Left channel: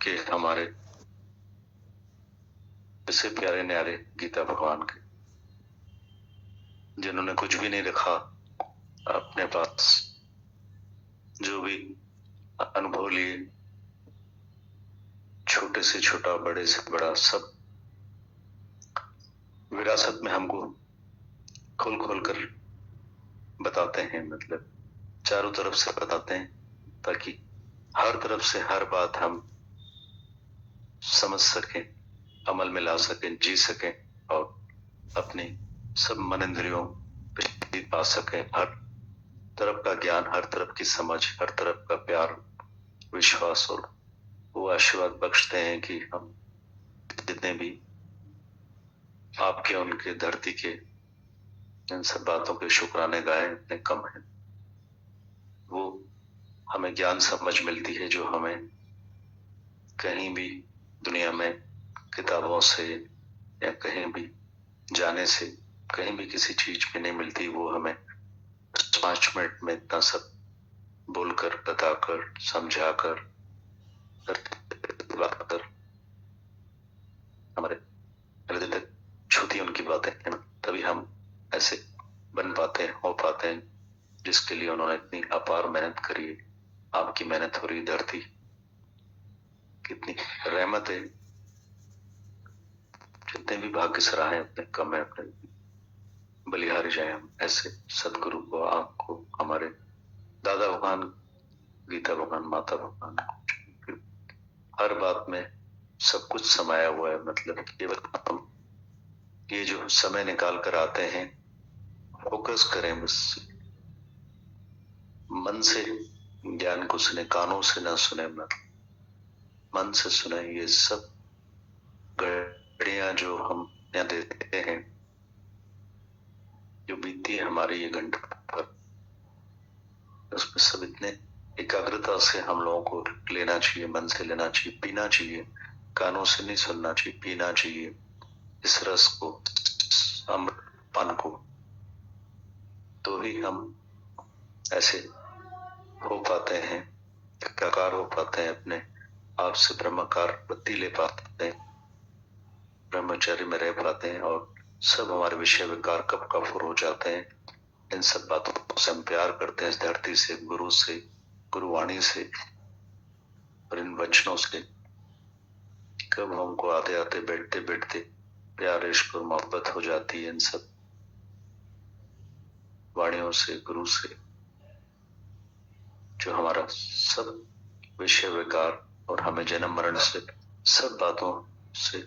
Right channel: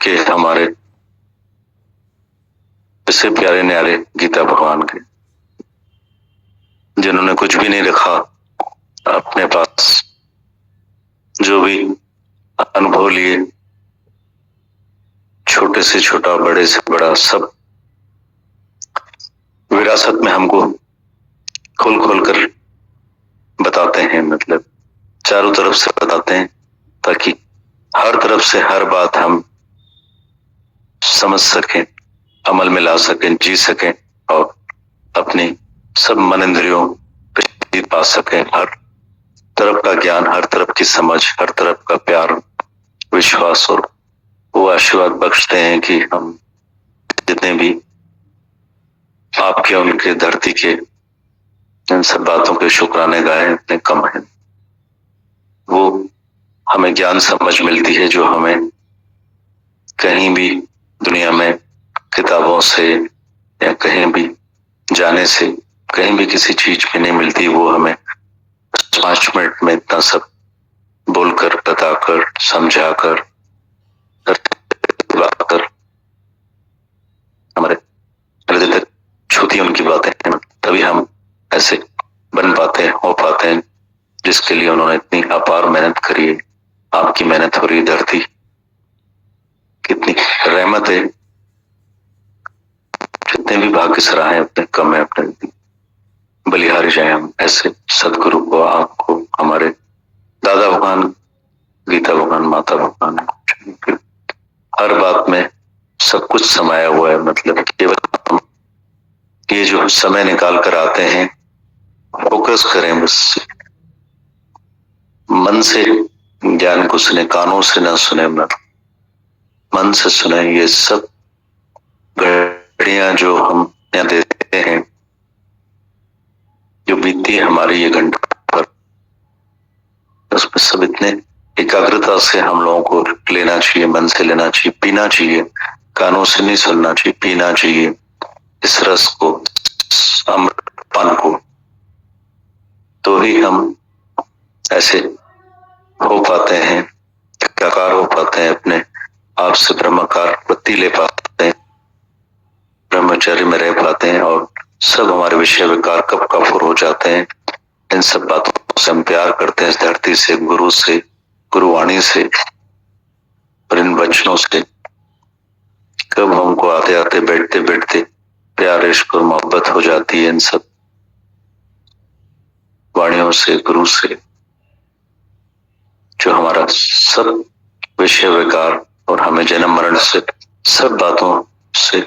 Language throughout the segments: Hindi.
के हमारे ऐसे प्यारे न्यारे गीता भगवान के, जिन्होंने कुछ भी नहीं रखा अपने पास, जो भी अनुभव लिए, छोटे से छोटा, बड़े से बड़ा, सब विरासत में हमको खोल खोल कर बताते हैं। मतलब चारों तरफ से बताते हैं, ताकि हर तरफ से हर बात हम समझ सकें, अमल में ला सकें, जी सकें और अपनी सब मन इंद्रियों पे जीत पा सकें। हर तरफ का ज्ञान, हर तरफ की समझ, हर तरफ का प्यार, विश्वास, और वो आशीर्वाद बख्शते हैं कि हम जितने भी आपके उनके धरती के इन सब बातों के शुक्राने गाए इतने कम है। वो हमें ज्ञान समझ मिलती है जो हमें कहीं भी दुनिया में किताबों से या कहीं भी जाने से, कहीं भी किसी चीज में नहीं मिलती। वो हमें 5 मिनट में इतना सब बोलकर, बताकर, समझाकर, कर हमारे हृदय तक छूती उनकी बातें हैं। तभी हम ऐसे बन पाते हैं, हो पाते हैं, जिसके लिए उन्होंने इतनी अपार मेहनत करी है। आपकी मेहनत हो रही धरती, कितनी रहमत है। जितने भी भाग्य सराहे उतने कम है, अपने बलिहारी जाए हम ऐसे सदगुरु को, आपको, हमारे दादा भगवान, गीता भगवान, माता भगवान, हर बात में सब कुछ समाया हुआ है। मतलब केवल हम ये जो समय निकाल कर आते हैं, फोकस करें बस, मन से ज्ञान को सुने, कानों से ना सुने, मन से सुने। ये सब घड़ियां जो हम यहाँ देते हैं, जो बीतती है हमारी ये घंटा पर, उसमें सब इतने एकाग्रता से हम लोगों को लेना चाहिए, मन से लेना चाहिए, पीना चाहिए। कानों से नहीं सुनना चाहिए, पीना चाहिए इस रस को, अमृतपान को। तो ही हम ऐसे हो पाते हैं, एकाकार हो पाते हैं, अपने आप से ब्रह्माकार वृत्ति ले पाते हैं, ब्रह्मचर्य में रह पाते हैं, और सब हमारे विषय विकार कब कफूर हो जाते हैं। इन सब बातों से हम प्यार करते हैं, इस धरती से, गुरु से, गुरुवाणी से, और इन वचनों से कब हमको आते आते, बैठते बैठते प्यार, इश्क और मोहब्बत हो जाती है। इन सब वाणियों से, गुरु से, जो हमारा सब विषय विकार और हमें जन्म मरण से, सब बातों से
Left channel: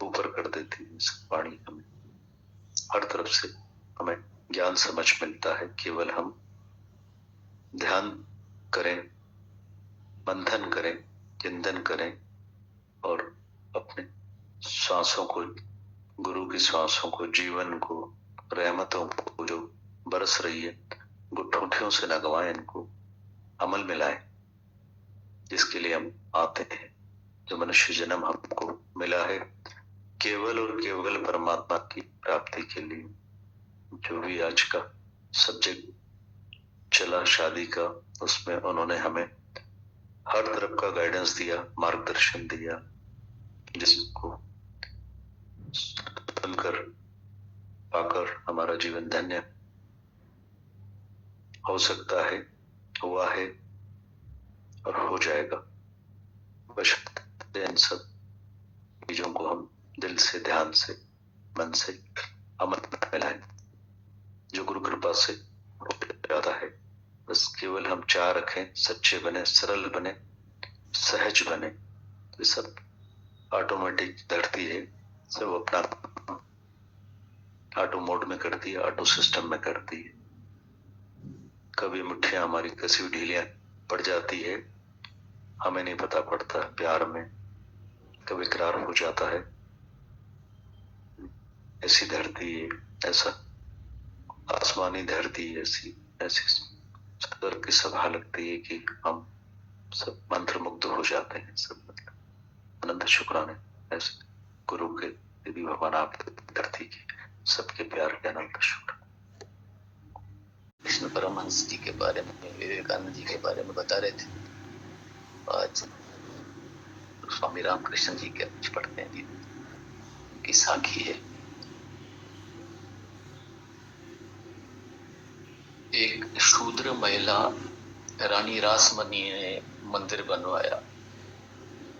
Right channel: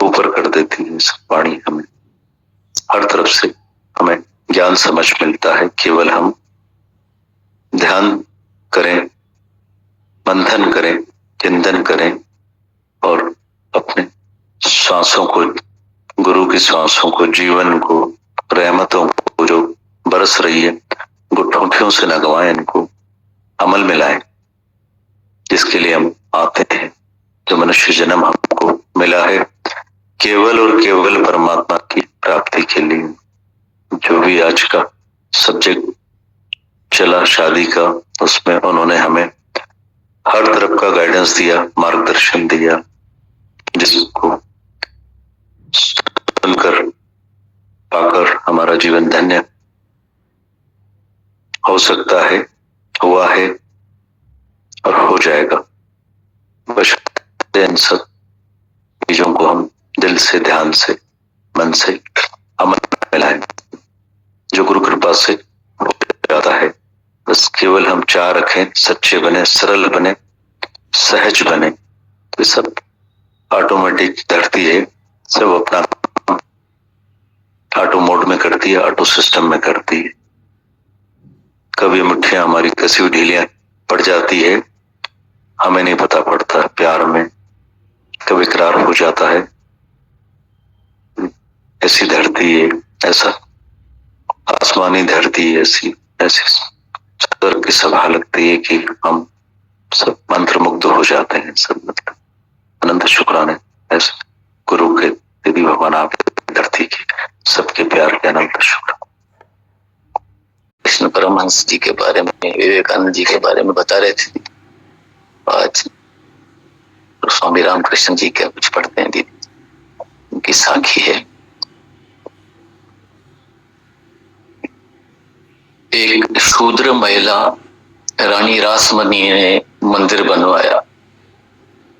ऊपर कर देती है। सब वाणी हमें हर तरफ से हमें ज्ञान समझ मिलता है। केवल हम ध्यान करें, मंथन करें, चिंतन करें, और अपने श्वासों को, गुरु की श्वासों को, जीवन को, रहमतों को जो बरस रही है, गुठोठियों से न गवाएं, इनको अमल में लाएं, जिसके लिए हम आते हैं। जो मनुष्य जन्म हमको मिला है केवल और केवल परमात्मा की प्राप्ति के लिए। जो भी आज का सब्जेक्ट चला शादी का, उसमें उन्होंने हमें हर तरफ का गाइडेंस दिया, मार्गदर्शन दिया, जिसको सुनकर, पाकर हमारा जीवन धन्य हो सकता है, हुआ है और हो जाएगा। बस इन सब चीजों को हम दिल से, ध्यान से, मन से अमल में लाएं, जो गुरु कृपा से हो जाता है। बस केवल हम चाह रखें, सच्चे बने, सरल बने, सहज बने, तो सब ऑटोमेटिक धरती है, सब अपना ऑटो मोड में करती है, ऑटो सिस्टम में करती है। कभी मुट्ठियां हमारी कसी हुई ढीलियां पड़ जाती है, हमें नहीं पता पड़ता। प्यार में कभी इकरार हो जाता है। ऐसी धरती है, ऐसा आसमानी धरती है, ऐसी ऐसी स्वर्ग की सभा लगती है कि हम सब मंत्र मुग्ध हो जाते हैं। सब मतलब अनंत शुक्राने ऐसे गुरु के, दीदी भगवान, आप धरती की सबके प्यार के अनंत शुक्र। कृष्ण परमहंस जी के बारे में, विवेकानंद जी के बारे में बता रहे थे। आज स्वामी रामकृष्ण जी क्या कुछ पढ़ते हैं दीदी, उनकी साखी है। एक शूद्र महिला रानी रासमणी ने मंदिर बनवाया।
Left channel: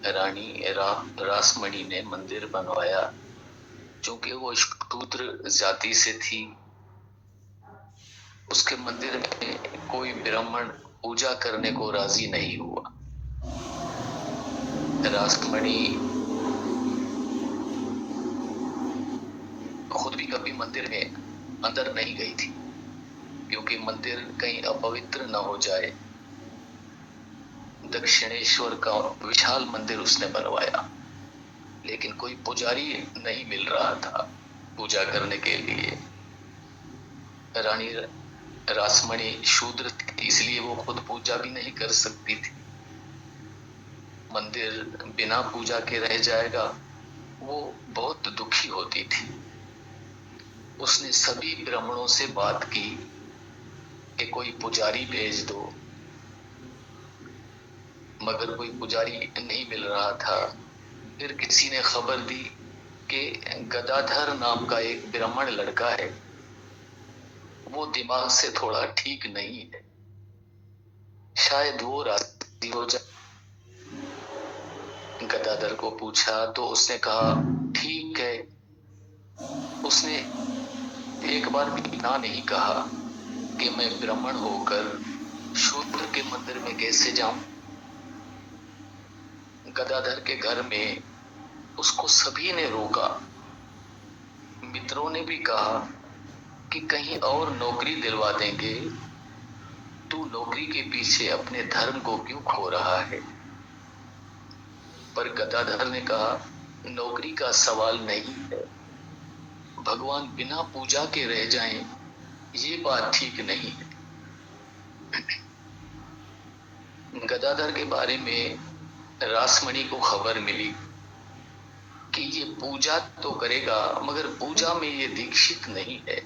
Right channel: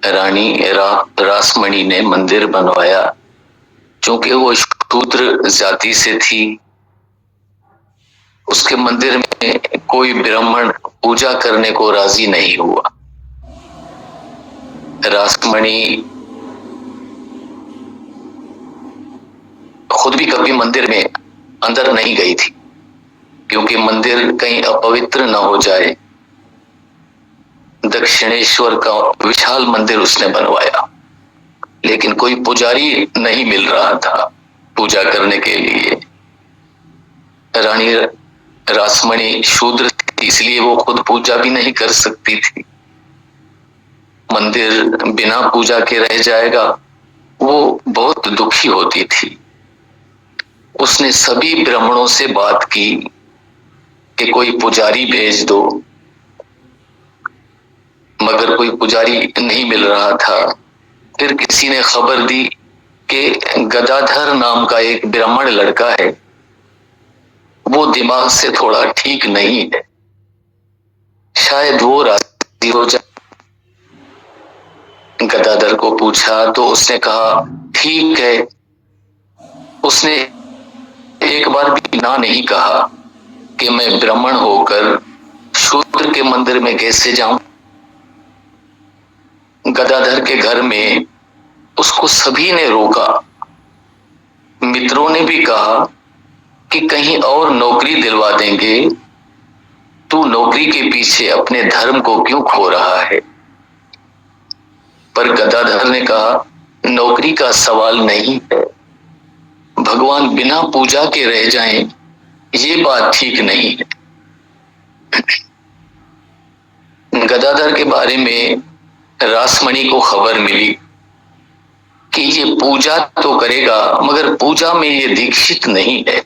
रानी रासमणी ने मंदिर बनवाया। क्योंकि वो शूद्र जाति से थी, उसके मंदिर में कोई ब्राह्मण पूजा करने को राजी नहीं हुआ। रासमणी खुद भी कभी मंदिर में अंदर नहीं गई थी, क्योंकि मंदिर कहीं अपवित्र न हो जाए। दक्षिणेश्वर का विशाल मंदिर उसने बनवाया, लेकिन कोई पुजारी नहीं मिल रहा था पूजा करने के लिए। रानी रासमणी शूद्र थी, इसलिए वो खुद पूजा भी नहीं कर सकती थी। मंदिर बिना पूजा के रह जाएगा, वो बहुत दुखी होती थी। उसने सभी ब्राह्मणों से बात की कि कोई पुजारी भेज दो, मगर कोई पुजारी नहीं मिल रहा था। फिर किसी ने खबर दी कि गदाधर नाम का एक ब्राह्मण लड़का है, वो दिमाग से थोड़ा ठीक नहीं है, शायद वो राजी हो जाए। गदाधर को पूछा तो उसने कहा ठीक है। उसने एक बार भी ना नहीं कहा कि मैं ब्राह्मण होकर शूद्र के मंदिर में कैसे जाऊं। गदाधर के घर में उसको सभी ने रोका। मित्रों ने भी कहा कि कहीं और नौकरी दिलवा देंगे, तू नौकरी के पीछे अपने धर्म को क्यों खो रहा है। पर गदाधर ने कहा नौकरी का सवाल नहीं है, भगवान बिना पूजा के रह जाएं, ये बात ठीक नहीं है। गदाधर के बारे में रासमणी को खबर मिली कि ये पूजा तो करेगा, मगर पूजा में ये दीक्षित नहीं है,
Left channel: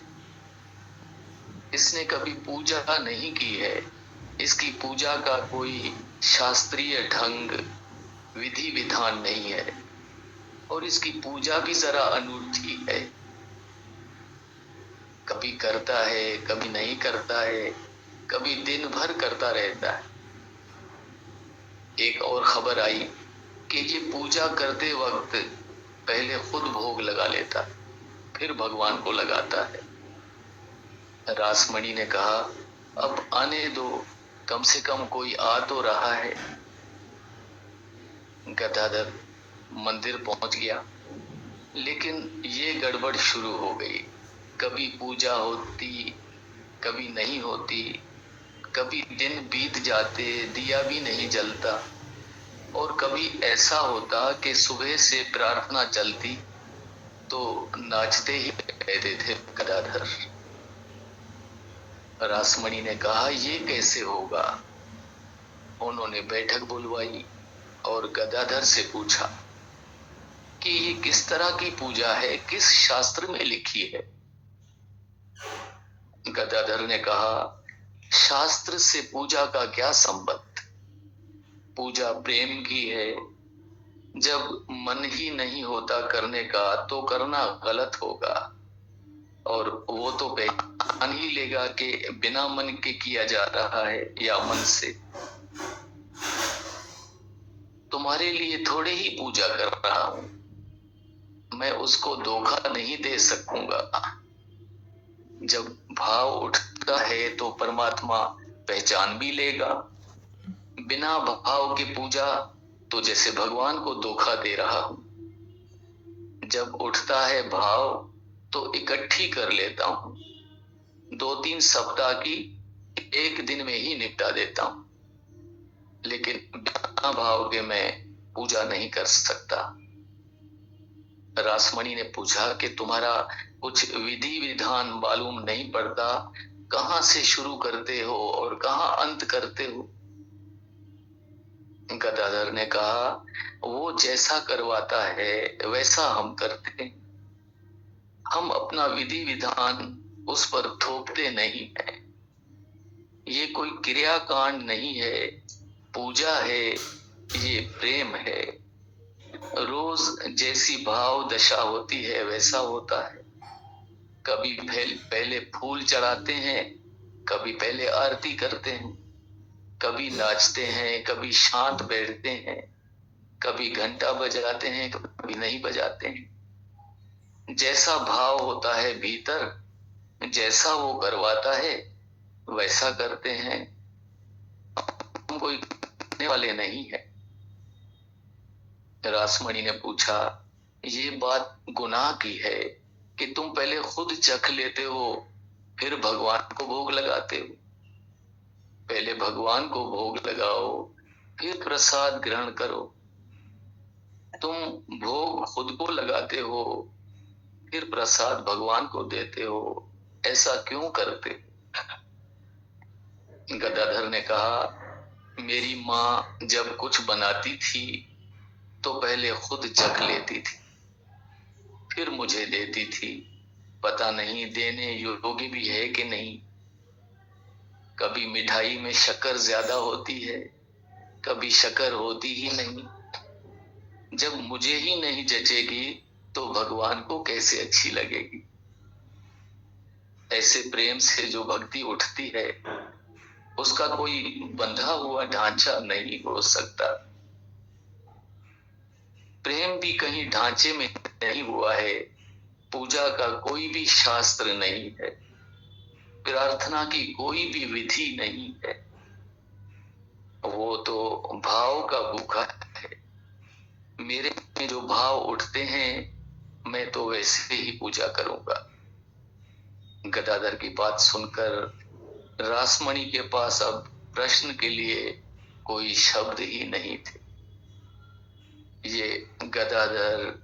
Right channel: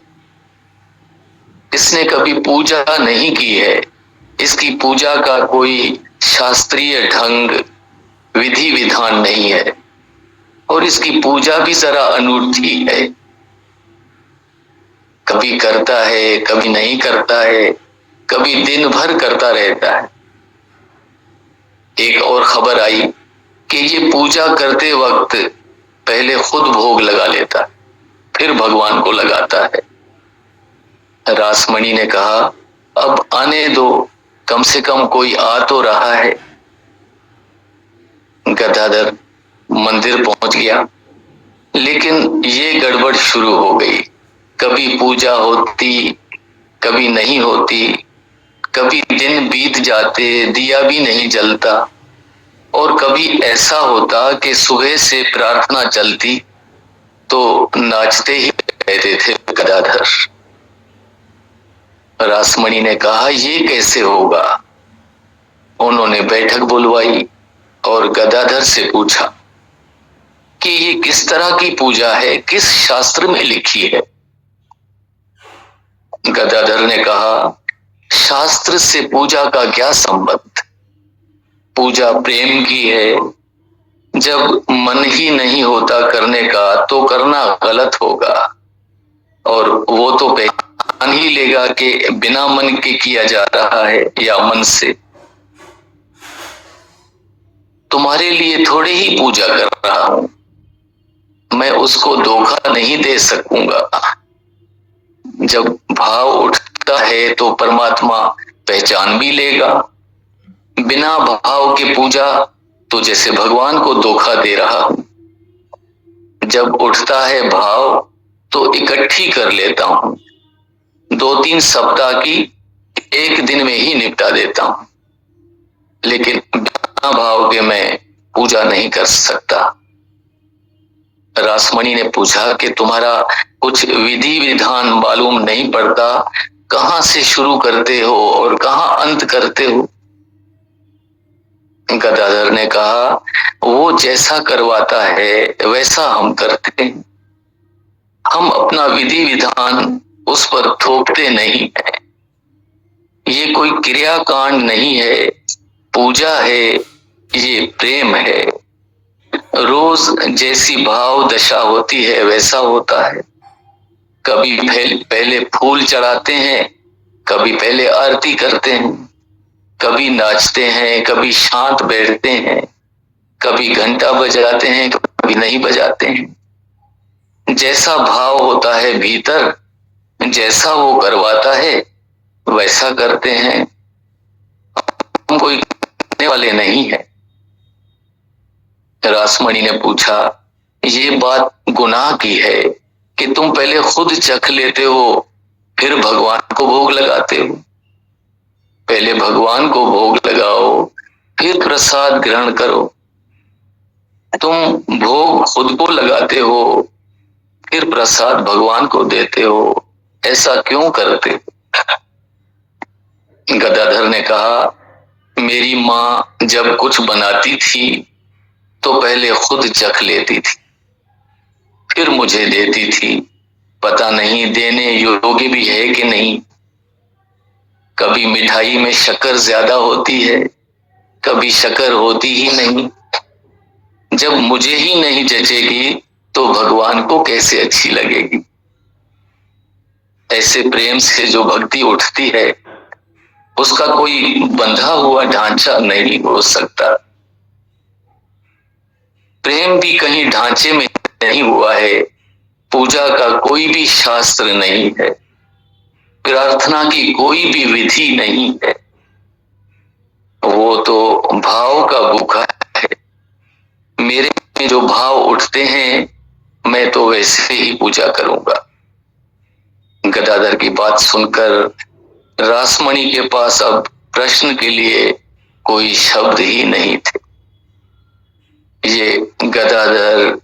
इसने कभी पूजा नहीं की है, इसकी पूजा का कोई शास्त्रीय ढंग विधि विधान नहीं है, और इसकी पूजा भी जरा अनूठी है, कभी करता है कभी नहीं करता है, कभी दिन भर करता रहता है। एक और खबर आई कि ये पूजा करते वक्त पहले खुद भोग लगा लेता, फिर भगवान को लगाता है। रासमणी ने कहा अब आने दो, कम से कम कोई आ तो रहा है। गदाधर मंदिर पहुंच गया, लेकिन ये गड़बड़ शुरू हो गई। कभी पूजा होती, कभी नहीं होती, कभी दिन बीत जाते, दिया भी नहीं जलता, और कभी ऐसा होता कि सुबह से प्रार्थना चलती तो नाचते ही रहते थे गदाधर। रासमणी ने कहा ये कैसे होगा। उन्होंने बैठक बुलवाई और गदाधर से पूछा कि ये किस तरह की पूजा है, किस शास्त्र में लिखी है। गदाधर ने कहा शास्त्र से पूजा का क्या संबंध, पूजा प्रेम की है, जब मन ही नहीं होता करने का तो करना गलत होगा, और वो तो पहचान ही लेगा कि बिना मन के किया जा रहा है या मन से। तुम्हारे लिए थोड़ी ही पूजा कर रहा हूं, मैं उसको धोखा नहीं दे सकूंगा। जब भाव उठता है तो परमात्मा पहचान भी लेगा, बिना भाव के पूजा तो जैसे भगवान को धोखा दे रहा हूं। जब उठता है भाव तो इकट्ठी कर लेता हूं, 2-3 सप्ताह की एक दिन में ही निपटा देता हूं, लेकिन बिना भाव के मैं पूजा नहीं कर सकता। रासमणी ने पूछा कि तुम्हारा कुछ विधि विधान मालूम नहीं पड़ता, कहां से शुरू करते हो और कहां अंत करते हो। गदाधर ने कहा वो जैसा करवाता है वैसा हम करते हैं, हम अपना विधि विधान उस पर थोपते नहीं है। ये कोई क्रियाकांड नहीं है, पूजा है, ये प्रेम है। रोज जैसी भाव दशा होती है वैसा होता है। कभी पहले फूल चढ़ाते हैं, कभी पहले आरती करते हैं, कभी नाचते हैं, कभी शांत बैठते हैं, कभी घंटा बजाते हैं, कभी नहीं बजाते हैं। जैसा भाव होता है भीतर, जैसा वो करवाता है वैसा करते हैं। हम कोई करने वाले नहीं है। रासमणि ने पूछा, ये बात गुनाह की है कि तुम पहले खुद चख लेते हो फिर भगवान को भोग लगाते हो। पहले भगवान को भोग लगाओ फिर प्रसाद ग्रहण करो। तुम भोग खुद को लगाते हो फिर प्रसाद भगवान को देते हो, ऐसा क्यों करते हो? गदाधर ने कहा, मेरी माँ जब कुछ बनाती थी तो पहले खुद चख लेती थी फिर मुझे देती थी। पता नहीं देने योग्य भी है कि नहीं। कभी मिठाई में शक्कर ज्यादा होती है, कभी शक्कर होती ही नहीं। जब मुझे ही नहीं जचेगी तो भगवान को कैसे अच्छी लगेगी? ऐसे प्रेम से जो भक्ति उठती है उसका कोई बंधा हुआ ढांचा नहीं हो सकता। प्रेम भी कहीं ढांचे में नहीं हुआ है। पूजा का कोई भी शास्त्र नहीं है, प्रार्थना की कोई भी विधि नहीं है। वो तो भाव का भूखा है। मेरे में जो भाव उठते हैं मैं तो वैसे ही पूजा करूंगा। गदाधर की बात सुनकर रासमणि के पास अब प्रश्न के लिए कोई शब्द ही नहीं थे। ये गदाधर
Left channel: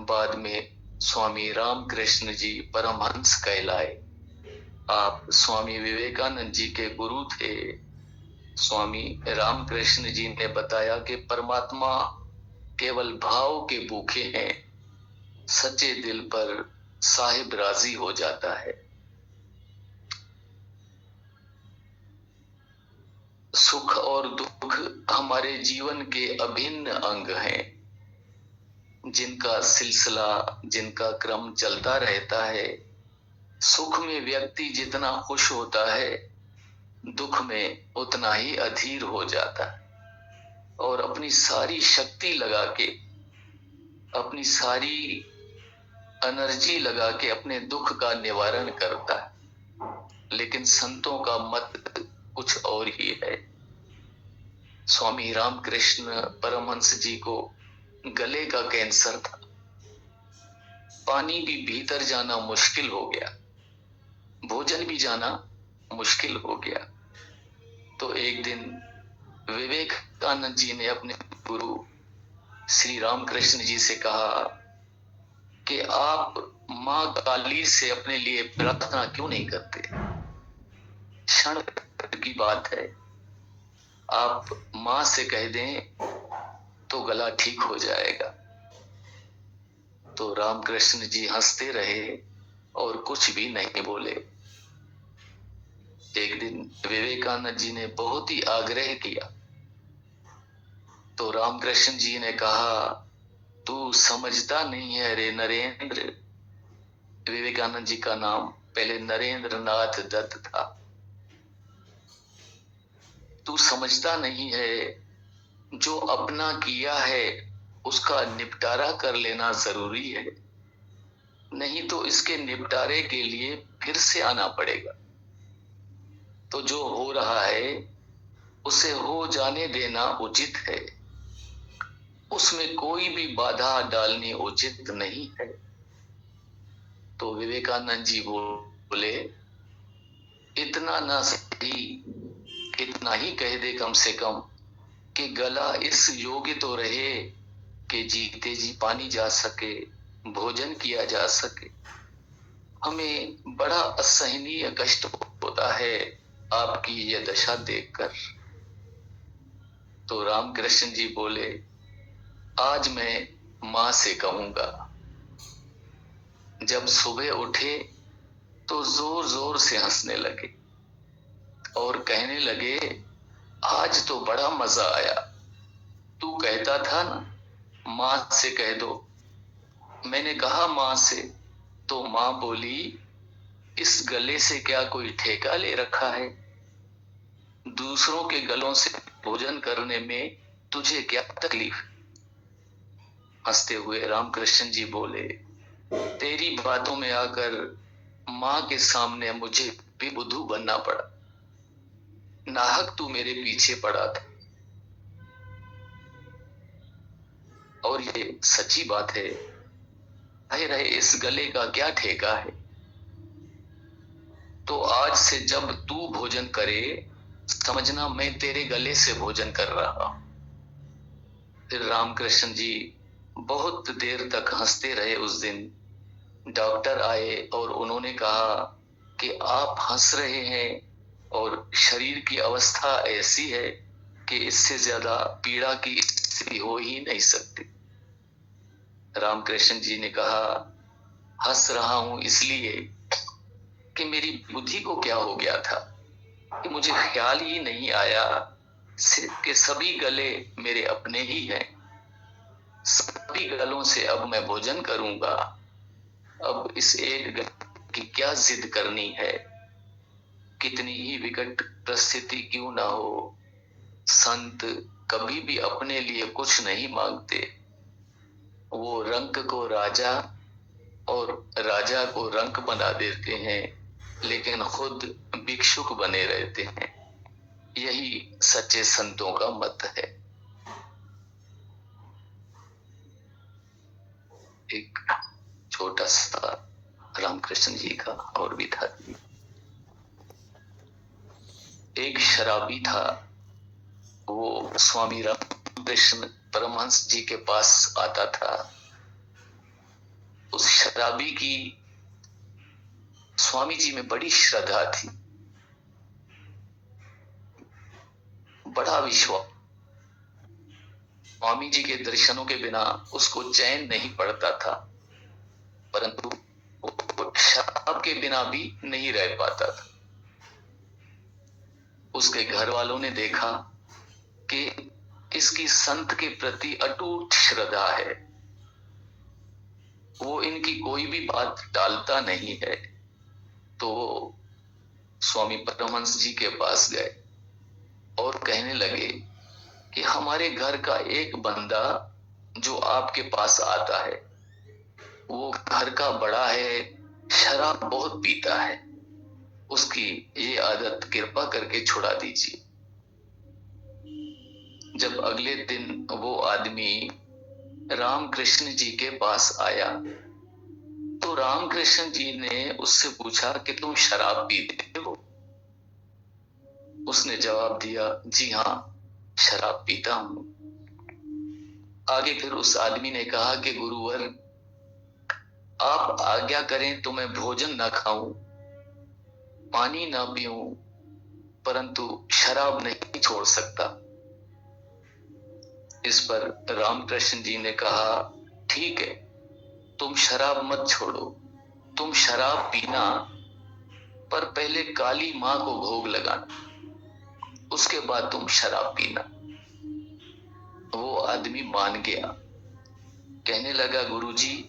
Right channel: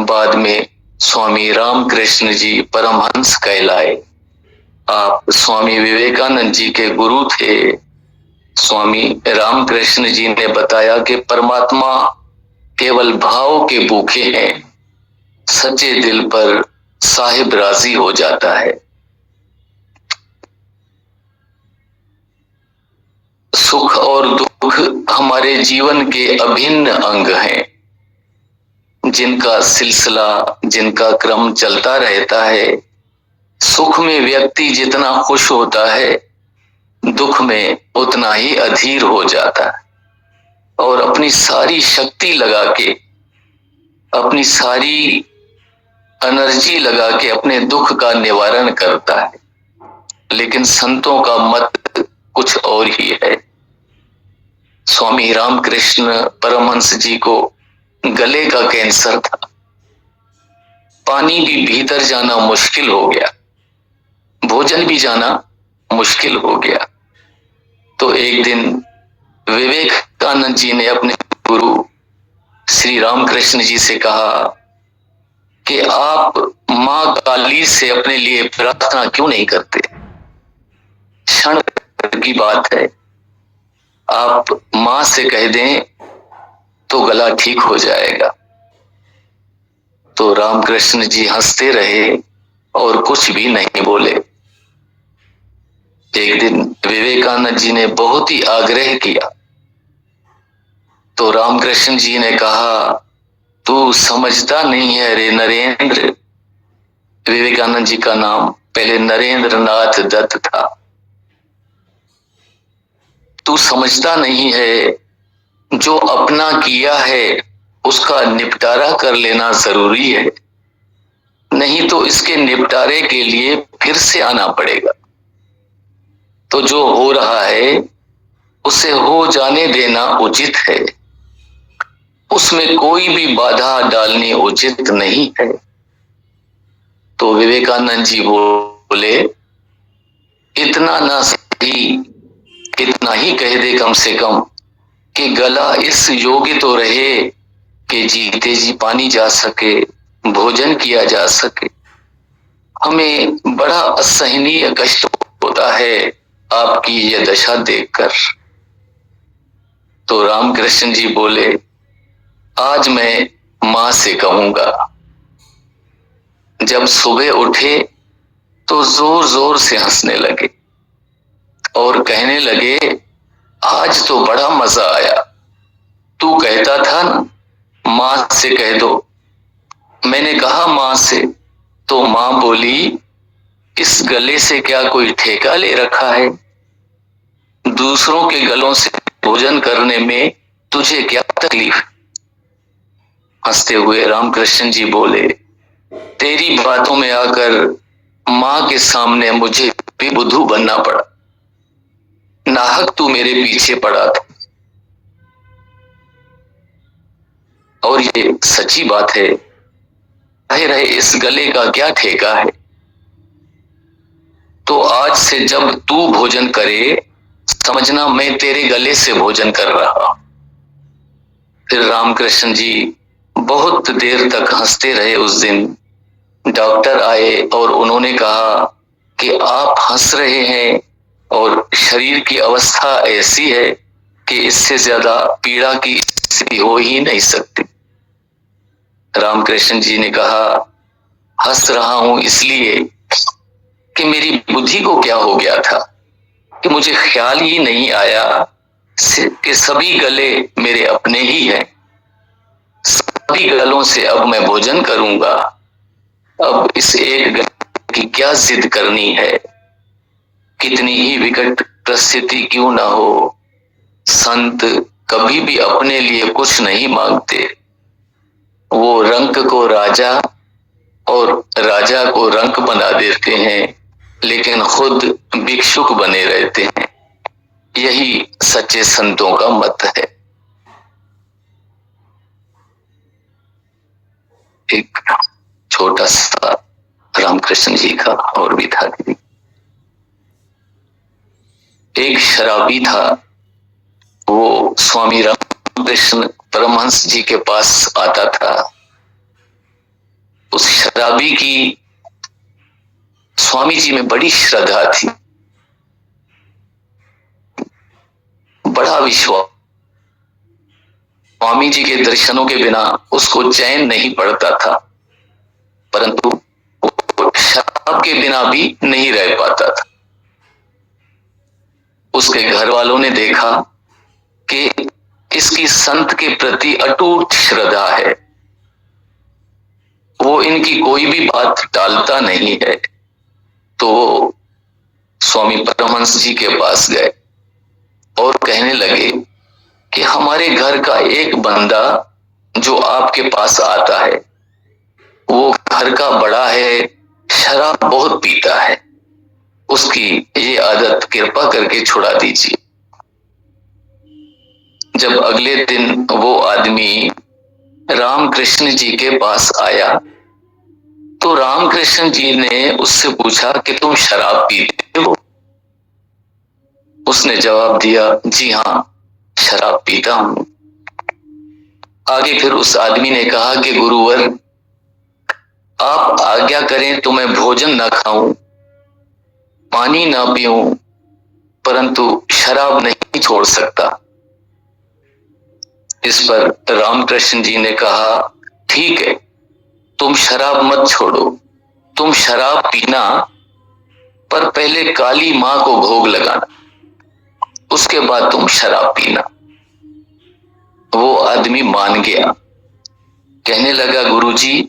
बाद में स्वामी रामकृष्ण जी परमहंस कहलाए। आप स्वामी विवेकानंद जी के गुरु थे। स्वामी रामकृष्ण जी ने बताया कि परमात्मा केवल भाव के भूखे हैं, सच्चे दिल पर साहिब राजी हो जाता है। सुख और दुख हमारे जीवन के अभिन्न अंग हैं, जिनका सिलसिला, जिनका क्रम चलता रहता है। सुख में व्यक्ति जितना खुश होता है, दुख में उतना ही अधीर हो जाता है और अपनी सारी शक्ति लगा के, अपनी सारी एनर्जी लगा के अपने दुख का निवारण करता है। लेकिन संतों का मत कुछ और ही है। स्वामी रामकृष्ण परमहंस जी को गले का कैंसर था। पानी भी भीतर जाना मुश्किल हो गया, भोजन भी जाना मुश्किल हो गया। तो एक दिन विवेकानंद जी ने अपने गुरु श्री रामकृष्ण जी से कहा कि आप मां काली से अपने लिए प्रार्थना क्यों नहीं करते? क्षण की बात है, आप मां से कह दें तो गला ठीक हो जाएगा। तो रामकृष्ण जी हंसते रहे और कुछ भी नहीं बोले। एक दिन विवेकानंद जी ने बहुत ही आग्रह किया तो रामकृष्ण जी ने कहा, तू समझता नहीं है रे नरेंद्र। विवेकानंद जी का नाम पहले नरेंद्र नाथ दत्त था। तू समझता नहीं है, जो अपना किया है उसका निपटारा कर लेना जरूरी है, नहीं तो इसके निपटारे के लिए फिर से आना पड़ेगा। तो जो हो रहा है उसे हो जाने देना उचित है, उसमें कोई भी बाधा डालनी उचित नहीं है। तो विवेकानंद जी बोले, इतना ना सही, इतना ही कह दे कम से कम कि गला इस योग्य तो रहे कि जीते जी पानी जा सके, भोजन किया जा सके। हमें बड़ा असहनीय कष्ट होता है आपकी यह दशा देखकर। तो रामकृष्ण जी बोले, आज मैं मां से कहूंगा। जब सुबह उठे तो जोर जोर से हंसने लगे और कहने लगे, आज तो बड़ा मजा आया। तू कहता था ना माँ से कह दो। मैंने कहा माँ से, तो माँ बोली, इस गले से क्या कोई ठेका ले रखा है? दूसरों के गलों से भोजन करने में तुझे क्या तकलीफ? हंसते हुए रामकृष्ण जी बोले, तेरी बातों में आकर माँ के सामने मुझे भी बुद्धू बनना पड़ा। नाहक तू मेरे पीछे पड़ा था। और ये सच्ची बात है, रहे इस गले का क्या ठेका है। तो आज से जब तू भोजन करे, समझना मैं तेरे गले से भोजन कर रहा। फिर रामकृष्ण जी बहुत देर तक हंसते रहे। उस दिन डॉक्टर आए और उन्होंने कहा कि आप हंस रहे हैं और शरीर की अवस्था ऐसी है कि इससे ज्यादा पीड़ा की स्थिति हो ही नहीं सकती। रामकृष्ण जी ने कहा, हंस रहा हूं इसलिए कि मेरी बुद्धि को क्या हो गया था कि मुझे ख्याल ही नहीं आया कि सभी गले मेरे अपने ही हैं। सभी गलों से अब मैं भोजन करूंगा। अब इस एक गले की क्या जिद करनी है? कितनी ही विकट परिस्थिति क्यों ना हो, संत कभी भी अपने लिए कुछ नहीं मांगते। वो रंक को राजा और राजा को रंक बना देते हैं, लेकिन खुद भिक्षुक बने रहते हैं। यही सच्चे संतों का मत है। एक छोटा सा रामकृष्ण जी का और भी था। एक शराबी था, वो स्वामी रामकृष्ण परमहंस जी के पास आता था। उस शराबी की स्वामी जी में बड़ी श्रद्धा थी, बड़ा विश्वास। स्वामी जी के दर्शनों के बिना उसको चैन नहीं पड़ता था, परंतु शराब के बिना भी नहीं रह पाता था। उसके घर वालों ने देखा कि इसकी संत के प्रति अटूट श्रद्धा है, वो इनकी कोई भी बात टालता नहीं है। तो वो स्वामी परमहंस जी के पास गए और कहने लगे कि हमारे घर का एक बंदा जो आपके पास आता है, वो घर का बड़ा है, शराब बहुत पीता है, उसकी ये आदत कृपा करके छुड़ा दीजिए। जब अगले दिन वो आदमी रामकृष्ण जी के पास आया, तो रामकृष्ण जी ने उससे पूछा कि तुम शराब पीते हो? उसने जवाब दिया, जी हाँ, शराब पीता हूं। आगे फिर उस आदमी ने कहा कि गुरुवर, आप आज्ञा करें तो मैं भोजन न खाऊं, पानी ना पीऊं, परंतु शराब नहीं छोड़ सकता। इस पर रामकृष्ण जी ने कहा, ठीक है, तुम शराब मत छोड़ो, तुम शराब पीना, पर पहले काली मां को भोग लगाना, उसके बाद तुम शराब पीना। वो आदमी मान गया, कहने लगा, गुरुजी,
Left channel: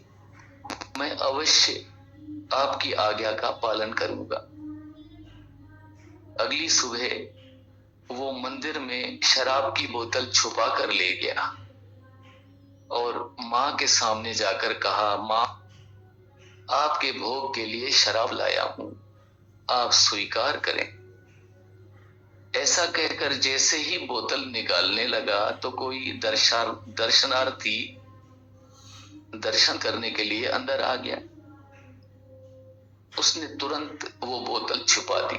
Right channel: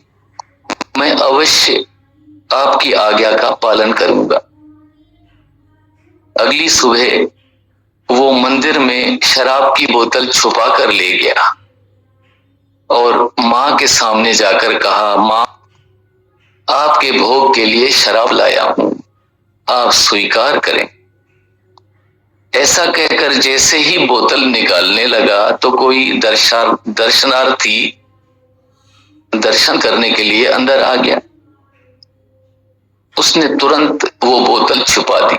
मैं अवश्य आपकी आज्ञा का पालन करूंगा। अगली सुबह वो मंदिर में शराब की बोतल छुपा कर ले गया और मां के सामने जाकर कहा, मां, आपके भोग के लिए शराब लाया हूं, आप स्वीकार करें। ऐसा कहकर जैसे ही बोतल निकालने लगा तो कोई दर्शनार्थी दर्शन करने के लिए अंदर आ गया। उसने तुरंत वो बोतल छुपा दी।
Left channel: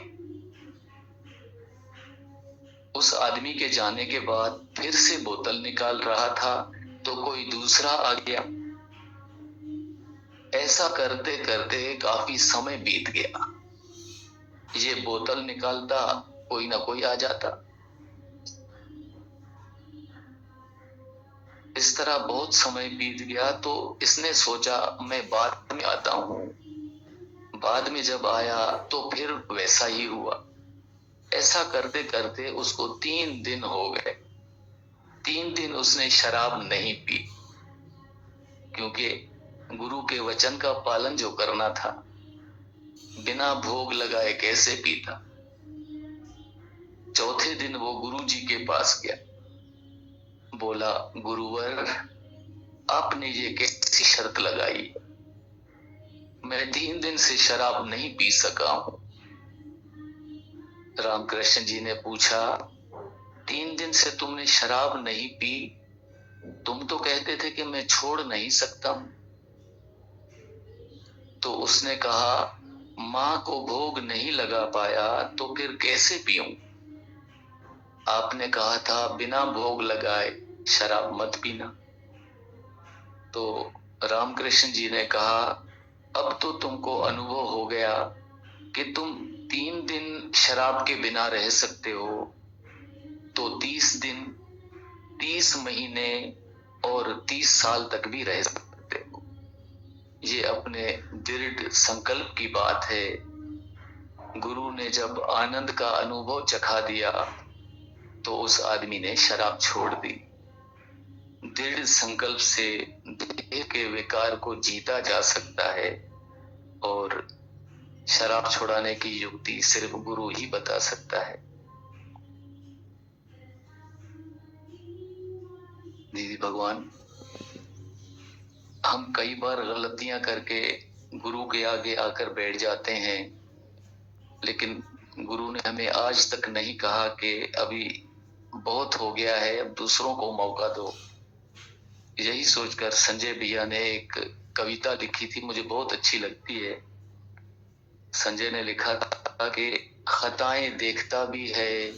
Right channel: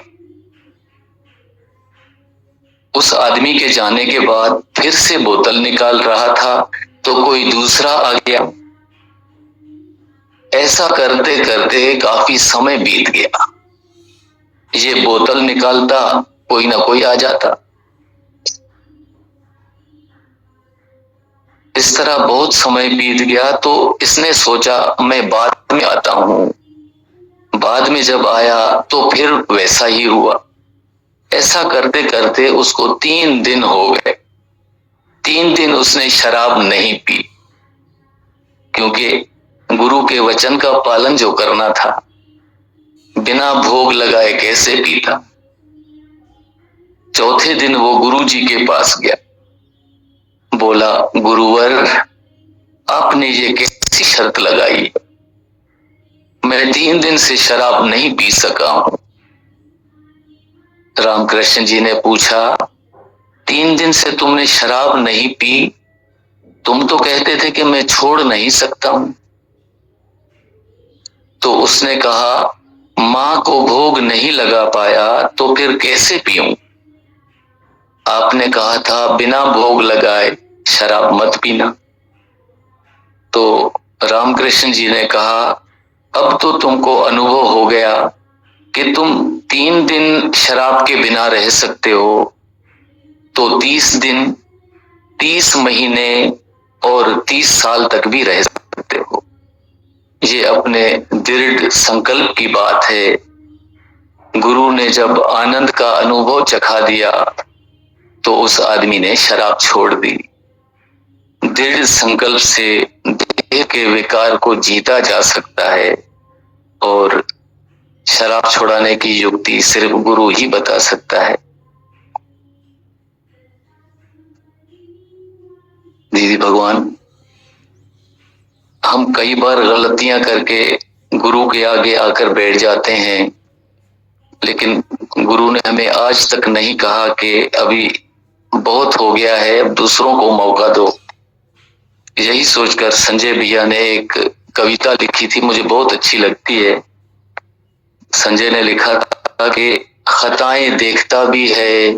उस आदमी के जाने के बाद फिर से बोतल निकाल रहा था तो कोई दूसरा आ गया। ऐसा करते करते काफी समय बीत गया। ये बोतल निकालता, कोई ना कोई आ जाता। इस तरह बहुत समय बीत गया तो इसने सोचा, मैं बाद में आता हूं। बाद में जब आया तो फिर वैसा ही हुआ। ऐसा करते करते उसको 3 दिन हो गए। 3 दिन उसने शराब नहीं पी। क्योंकि गुरु के वचन का पालन जो करना था, बिना भोग लगाए कैसे पीता। चौथे दिन वो गुरु जी के पास गया, बोला गुरुवर आपने ये कैसी शर्त लगाई, मैं 3 दिन से शराब नहीं पी सका हूं। रामकृष्ण जी ने पूछा 3 दिन से तुमने शराब नहीं पी, तुम तो कहते थे कि मैं छोड़ नहीं सकता हूं। तो उसने कहा मां को भोग नहीं लगा पाया तो फिर कैसे पीऊं, आपने कहा था बिना भोग लगाए शराब मत पीना। तो रामकृष्ण जी ने कहा अब तो तुमको अनुभव हो गया कि तुम 3 दिन शराब के बिना रह सकते हो, तो 30 दिन, 30 महीने और 30 साल तक भी रह सकते हो। ये अपने दृढ़ संकल्प की बात है। गुरु ने जब आनंद का अनुभव चखा दिया तो उस आदमी ने शराब छोड़ दी। दृढ़ संकल्प से देह के विकार को जीता जा सकता है और शराब छुड़ाने की युक्ति सिर्फ गुरु ही बता सकता है। दीदी भगवान, हम कई बार गलतियां करके गुरु के आगे आकर बैठ जाते हैं, लेकिन गुरु ने हमें आज तक नहीं कहा कि अभी बहुत हो गया है, अब दूसरों को मौका दो। यही सोचकर संजय भैया ने एक कविता लिखी थी, मुझे बहुत अच्छी लगती है। संजय ने लिखा था कि खताएं देखता भी है,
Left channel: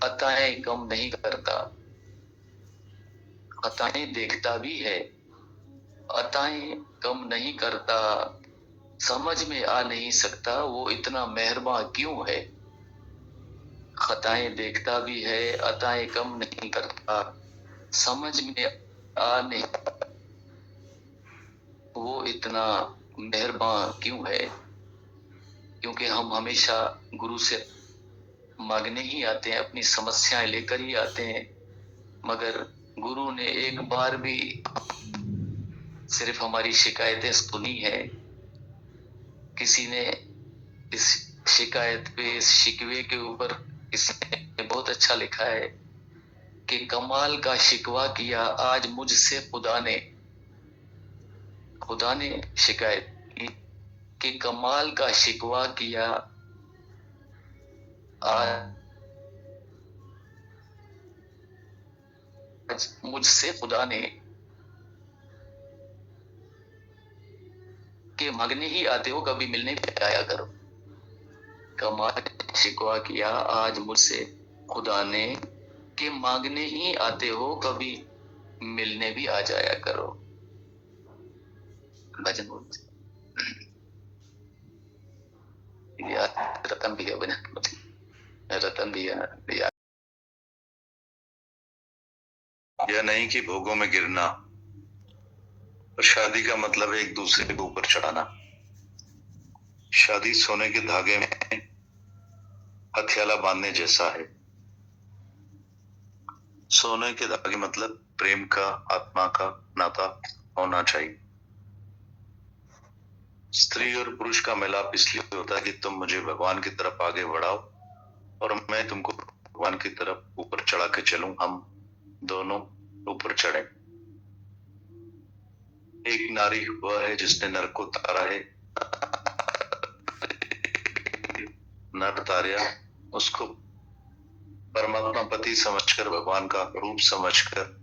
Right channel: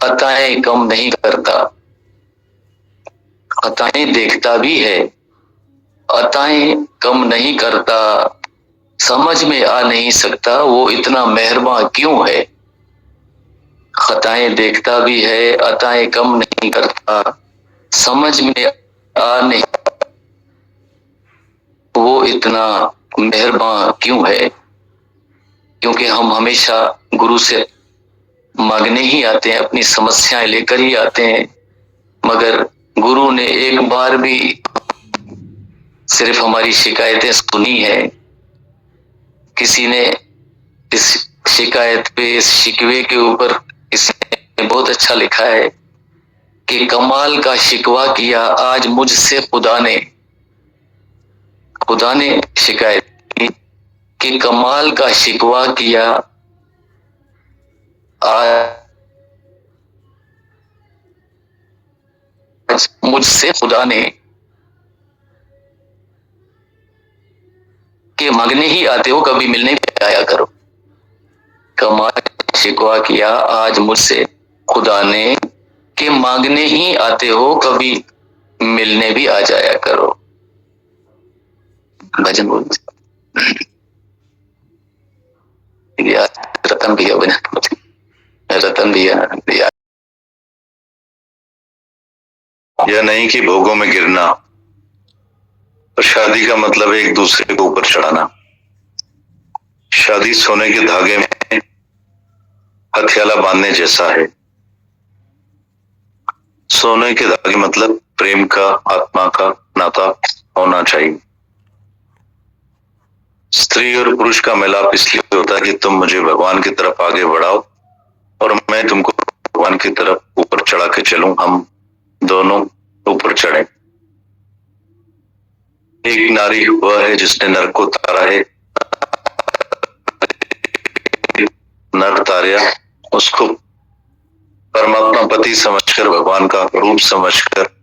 अताएं कम नहीं करता। खताएं देखता भी है, अताएं कम नहीं करता, समझ में आ नहीं सकता वो इतना मेहरबान क्यों है। खताएं देखता भी है, अताएं कम नहीं करता, समझ में आ नहीं वो इतना मेहरबान क्यों है। क्योंकि हम हमेशा गुरु से मांगने ही आते हैं, अपनी समस्याएं लेकर ही आते हैं, मगर गुरु ने एक बार भी सिर्फ हमारी शिकायतें सुनी है। किसी ने इस शिकायत पे, इस शिकवे के ऊपर किसी ने बहुत अच्छा लिखा है कि कमाल का शिकवा किया आज मुझसे खुदा ने शिकायत की कि कमाल का शिकवा किया आज मुझसे खुदा ने, के मांगने ही आते हो कभी मिलने भी आया करो। कमाल शिकवा किया आज मुझसे खुदा ने, के मांगने ही आते हो कभी मिलने भी आ जाया करो। भजन बोल रतन भैया बना, रतन भैया यह नहीं कि भोगों में गिरना, और शादी का मतलब है एक दूसरे को ऊपर चढ़ाना। शादी सोने के धागे में हथियाला बांधने जैसा है। सोने के धागे मतलब प्रेम का, आत्मा का नाता होना चाहिए। स्त्री और पुरुष का मिलाप इसलिए होता है कि तुम मुझे भगवान की तरफ आगे बढ़ाओ और मैं तुमको भगवान की तरफ ऊपर चढ़ा के चलूं, हम दोनों ऊपर चढ़े। एक नारी वह है जिसने नर को तारा है, नर तारा उसको परमात्मा पति समझकर, भगवान का रूप समझकर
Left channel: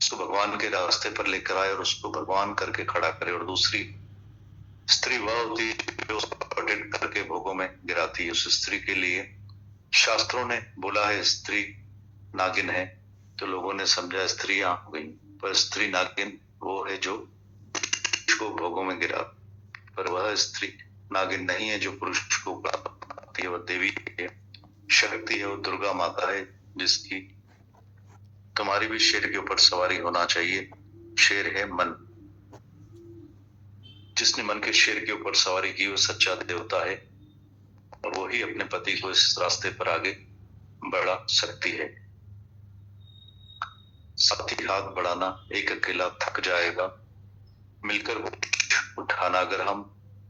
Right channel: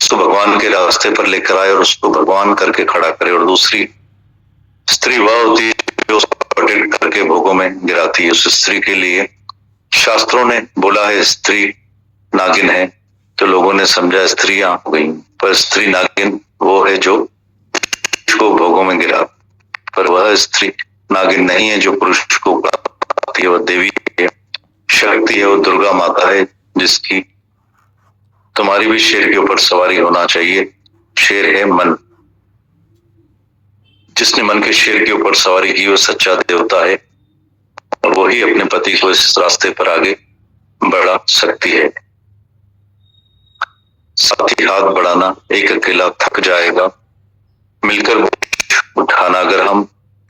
उसको भगवान के रास्ते पर लेकर आए और उसको भगवान करके खड़ा करे। और दूसरी स्त्री वह होती है जो उसको प्रोटेक्ट करके भोगों में गिराती है। उस स्त्री के लिए शास्त्रों ने बोला है स्त्री नागिन है, तो लोगों ने समझा स्त्रियां हो गई, पर स्त्री नागिन वो है जो को भोगों में गिरा, पर वह स्त्री नागिन नहीं है जो पुरुष को उठाती है। वह देवी है, शक्ति है, वो दुर्गा माता है जिसकी तुम्हारी भी शेर के ऊपर सवारी होना चाहिए। शेर है मन, जिसने मन के शेर के ऊपर सवारी की वो सच्चा देवता है और वही अपने पति को इस रास्ते पर आगे बढ़ा सकती है। साथ ही हाथ बढ़ाना, एक अकेला थक जाएगा, मिलकर उठाना, अगर हम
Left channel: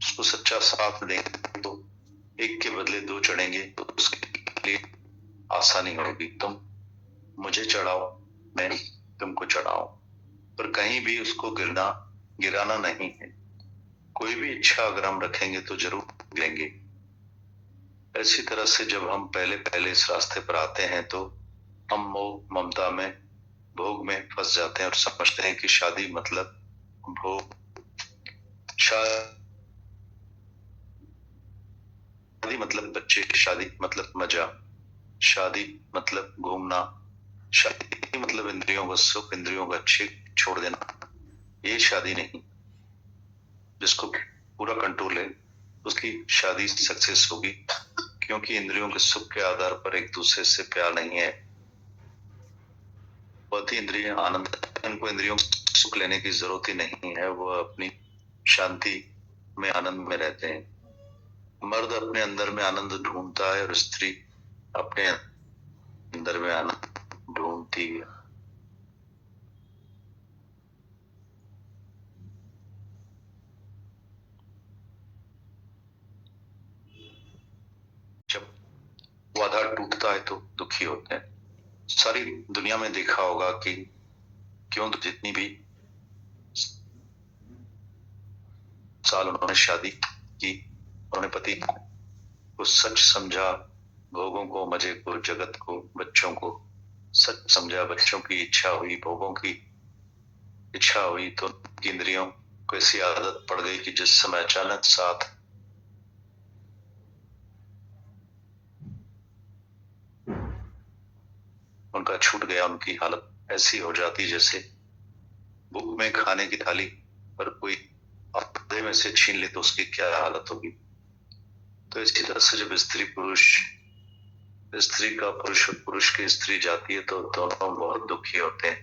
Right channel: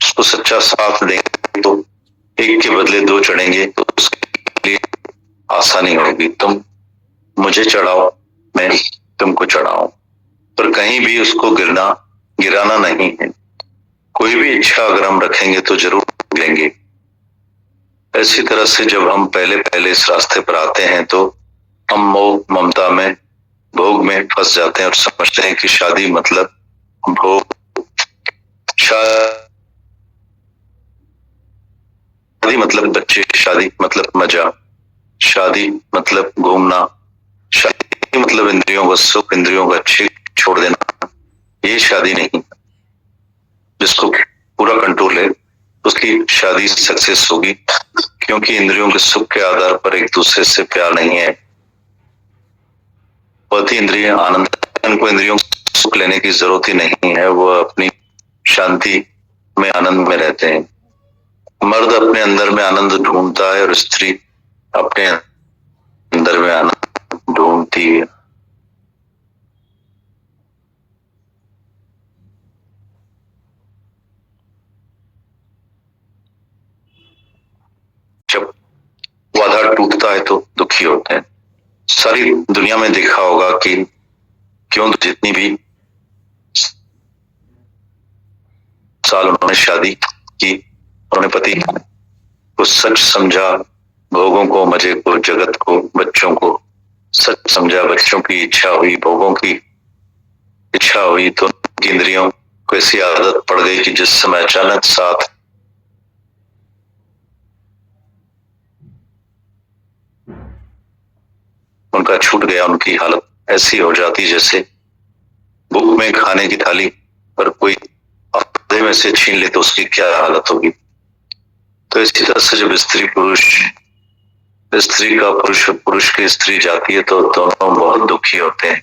उसको सच्चा साथ देंगे तो एक के बदले दो चढ़ेंगे, तो उसके लिए आसानी होगी। तुम मुझे चढ़ाओ, मैं तुमको चढ़ाऊं, पर कहीं भी उसको गिराना नहीं है। कोई भी इच्छा अगर हम रखेंगे तो जरूर गिरेंगे। ऐसी तरह से जब हम पहले इस रास्ते पर आते हैं तो हम मोह ममता में, भोग में फंस जाते हैं और समझते हैं कि शादी मतलब भोग, शादी मतलब बच्चे, शादी मतलब मजा, शादी मतलब घूमना, शादी मतलब इंद्रियों का सुख, इंद्रियों का छोड़ देना। ये शादी नहीं। जिसको पूरा कंट्रोल है उसकी शादी सक्सेस होगी, क्योंकि इंद्रियों के सुख के आधार पर एक दूसरे से प्यार नहीं है। पति इंद्रिय आनंद, उनको इंद्रियों से सुख लेने की जरूरत ही नहीं है, वो अपनी शांति में आनंद में रहते हैं। मर्द अपने अंदर में आनंद ढूंढता है और स्त्री अपने अंदर में आनंद ढूंढती है। जब वादा टूटता है तो दुखी होते हैं। सारी दुनिया में देखा होगा कि क्यों जितनी भी साल उन्होंने शादी की, उन्होंने पति को सच समझा, भोगों को, मजे को, जगत को, बच्चों को सच समझा, बच्चों की इच्छा हुई, भोगों की इच्छा हुई, तो इंद्रियों को ऐसी आदत पड़ गई कि जिस समय अचानक साथ उनका छूट गया, उनकी हालत ऐसी हो जाती जैसे भूख में खाने की थाली पर कोई आधे में से छीन ले तो उसकी क्या हालत होगी। तो इसी तरह से जब स्त्री का पुरुष, पुरुष की स्त्री जाती है तो दोनों बहुत दुखी होते हैं,